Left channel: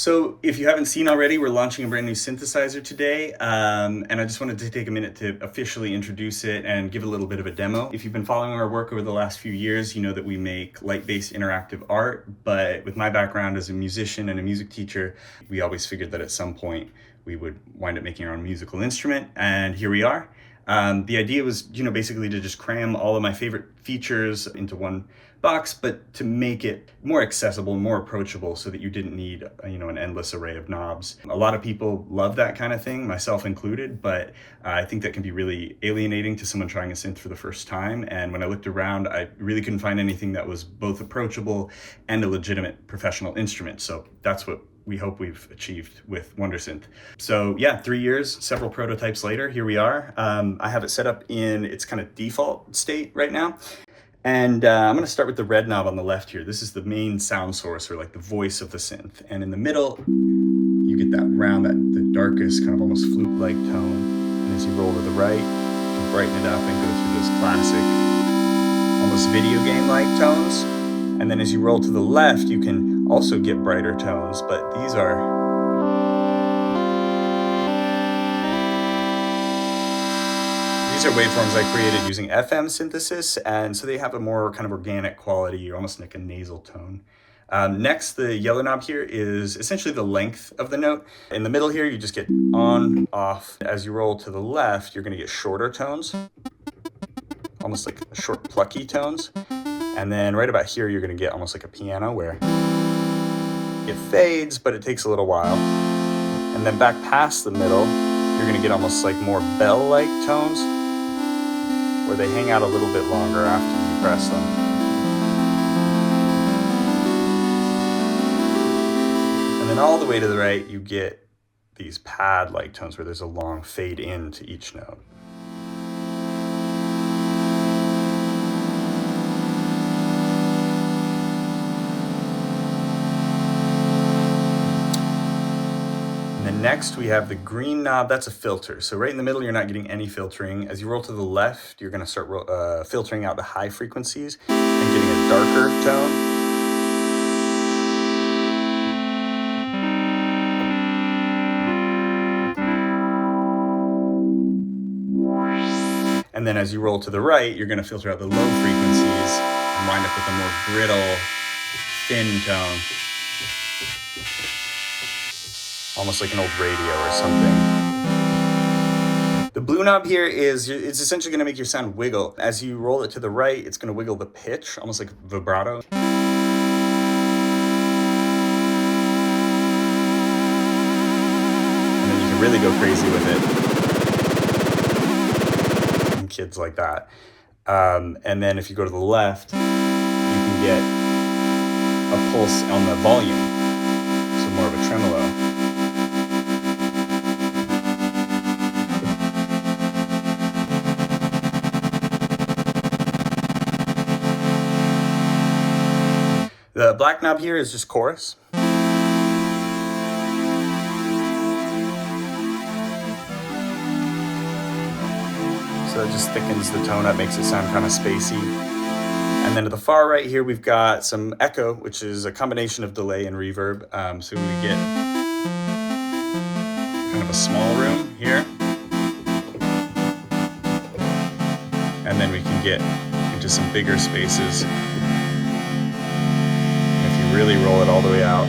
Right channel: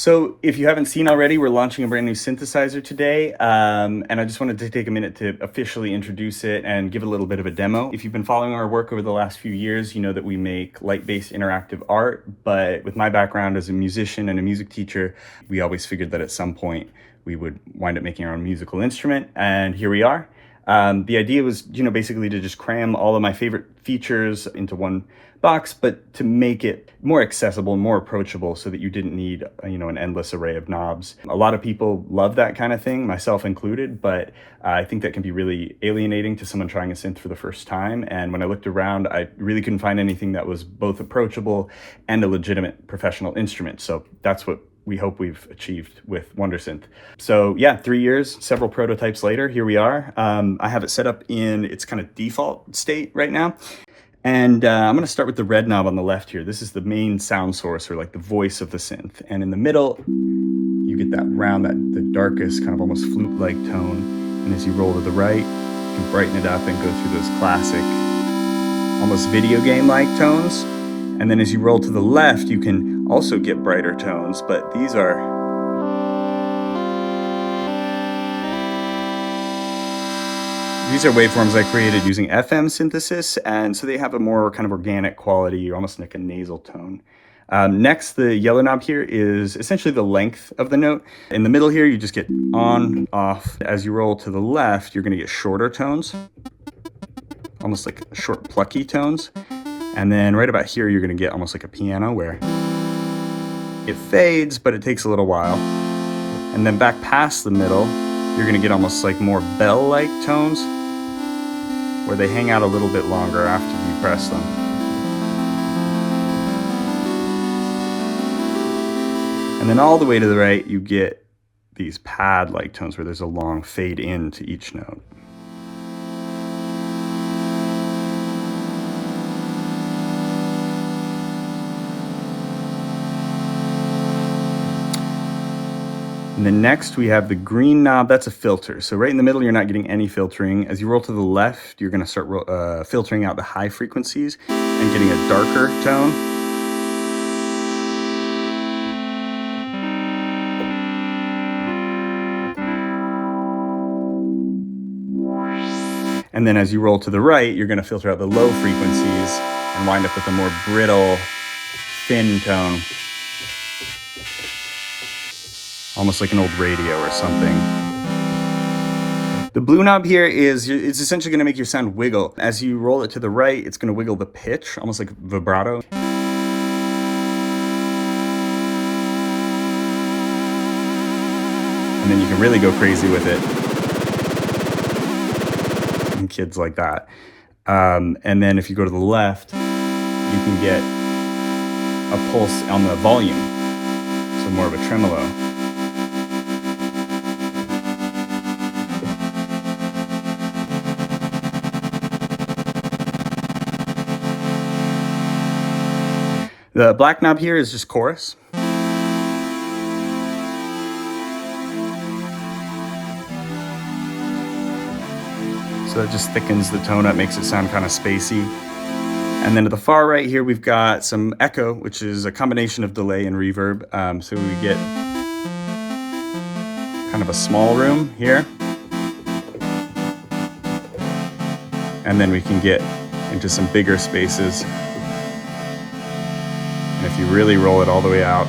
So if you haven't seen already, we're launching a brand new synthesizer today, and I just wanted to take a minute to officially introduce it and give a little bit of a demo. If you've been following our work over the last few years, you know that we make light-based interactive art, but with my background as a musician and a music teacher, we always figured that at some point we would wind up making our own musical instrument, and here we are. The idea was, basically to just cram all of my favorite features into one box, but to make it more accessible, more approachable, so that you didn't need, an endless array of knobs. A lot of people love that kind of thing, myself included, but I think that can be really alienating to someone trying a synth for the first time. And when I looked around, I really couldn't find anything that was both approachable and a legitimate professional instrument. So that's what we hope we've achieved with WonderSynth. So yeah, 3 years, several prototypes later, here we are. I have it set up in its kind of default state right now. And I'm gonna start with the red knob on the left here. This is the main sound source, or like the voice of the synth. And in the middle, you get that round, the darkest kind of almost flute-like tone. And as you roll to the right, you can brighten it up and go through those classic, almost video game-like tones. And then as you roll to the left, you can also get brighter tones, but these are waveforms I created using FM synthesis, and so they have a more kind of organic quality, or almost like a nasal tone. Next, the yellow knob here is essentially the length of the note. In the middle here, you just get on, off. As you roll to the left, you're gonna get shorter tones, almost like short, plucky tones. And then right about here, you're gonna get almost like a piano, where it fades, but it takes a little while. And then back past the middle, you're gonna get almost like more bell-like tones, where they hang out a little bit longer after you press them. And then all the way to the right, you get these pad-like tones where there's a long fade in to each note. And then next we have the green knob, that's a filter. So right in the middle, you're not getting any filtering. As you roll to the left, you're gonna start filtering out the high frequencies and getting a darker tone. And then as you roll to the right, you're gonna filter out the low frequencies and wind up with a more brittle, thin tone. Almost like an old radio or something. The blue knob here it's essentially gonna make your sound wiggle. As you roll it to the right, it's gonna wiggle the pitch, almost like vibrato. And then you can really go crazy with it. And kids like that. And then if you go to the left, you can get a pulse on the volume. So more of a tremolo. The black knob here is just chorus. So it just thickens the tone up, makes it sound kind of spacey. And then to the far right here, we've got some echo, which is a combination of delay and reverb. So we get kind of a small room here. And then we can get into some bigger spaces. Really roll it all the way out.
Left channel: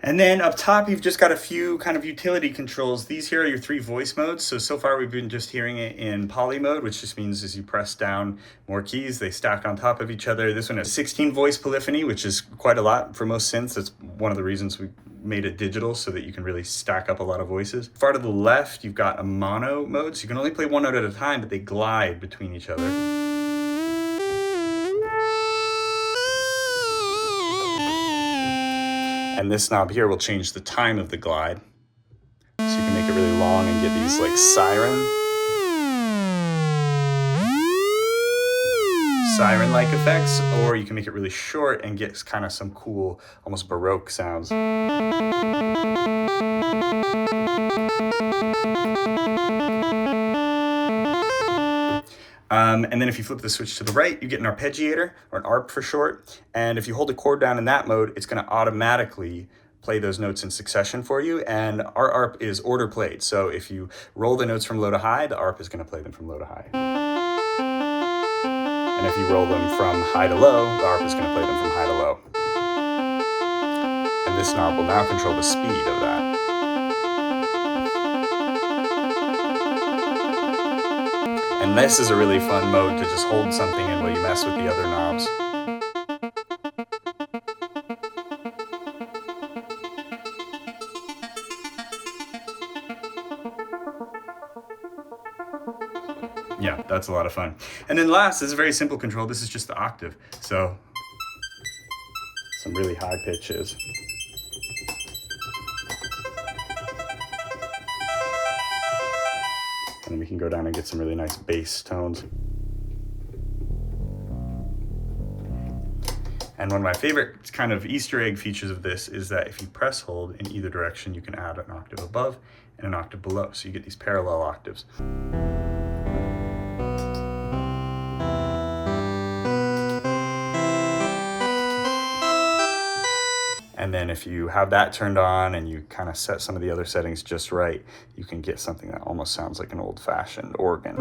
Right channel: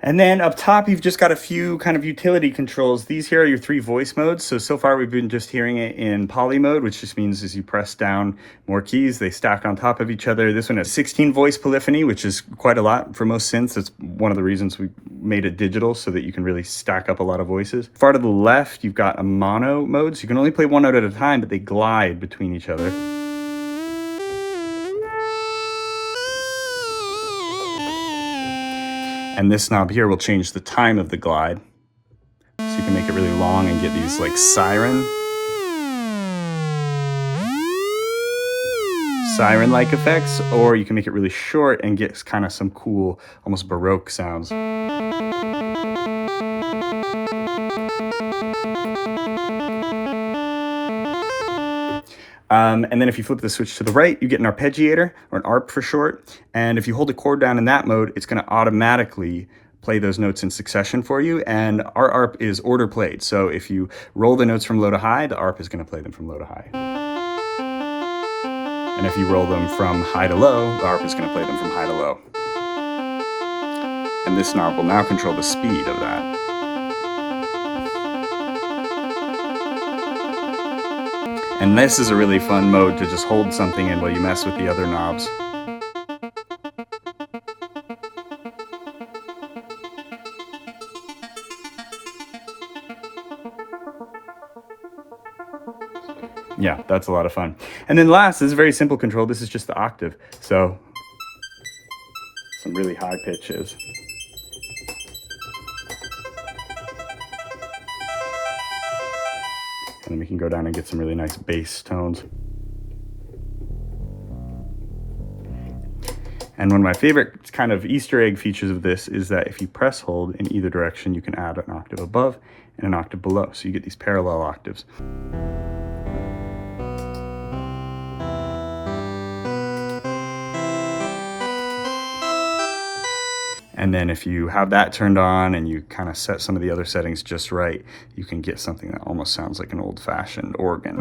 And then up top, you've just got a few kind of utility controls. These here are your 3 voice modes. So far we've been just hearing it in poly mode, which just means as you press down more keys, they stack on top of each other. This one has 16 voice polyphony, which is quite a lot for most synths. It's one of the reasons we made it digital, so that you can really stack up a lot of voices. Far to the left, you've got a mono mode. So you can only play one note at a time, but they glide between each other. And this knob here will change the time of the glide. So you can make it really long and get these like siren-like effects, or you can make it really short and get kind of some cool, almost Baroque sounds. And then if you flip the switch to the right, you get an arpeggiator, or an ARP for short. And if you hold the chord down in that mode, it's going to automatically play those notes in succession for you. And our ARP is order played. So if you roll the notes from low to high, the ARP is going to play them from low to high. And if you roll them from high to low, the ARP is going to play them from high to low. And this knob will now control the speed of that. And this is a really fun mode to just hold something in while you mess with the other knobs. Yeah, that's a lot of fun. And then last is a very simple control. This is just the octave. So some really high pitches. And we can go down and get some really nice bass tones. And one of my favorite kind of Easter egg features of this is that if you press hold in either direction, you can add an octave above and an octave below. So you get these parallel octaves. And then if you have that turned on and you kind of set some of the other settings just right, you can get something that almost sounds like an old-fashioned organ.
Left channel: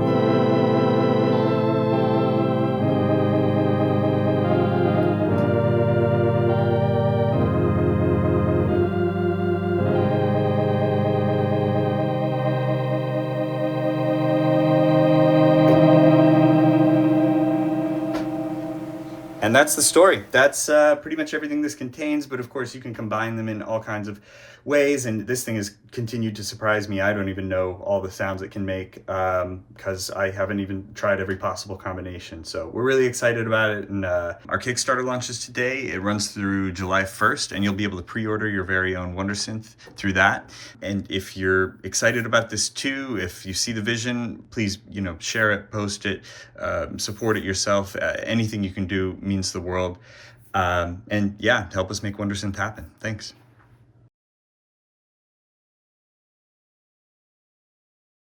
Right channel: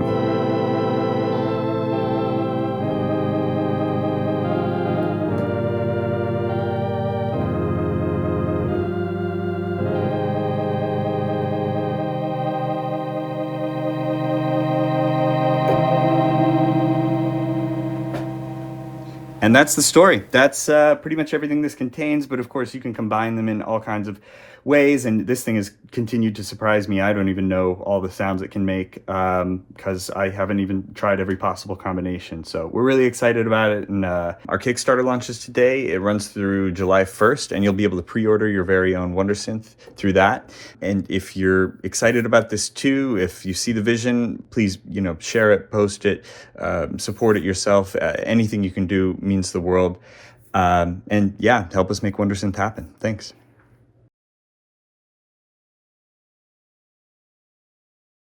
And that's the story. That's pretty much everything this contains, but of course you can combine them in all kinds of ways, and this thing has continued to surprise me. I don't even know all the sounds it can make because I haven't even tried every possible combination. So we're really excited about it, and our Kickstarter launches today. It runs through July 1st, and you'll be able to pre-order your very own WonderSynth through that. And if you're excited about this too, if you see the vision, please, share it, post it, support it yourself. Anything you can do means the world. And yeah, help us make WonderSynth happen. Thanks.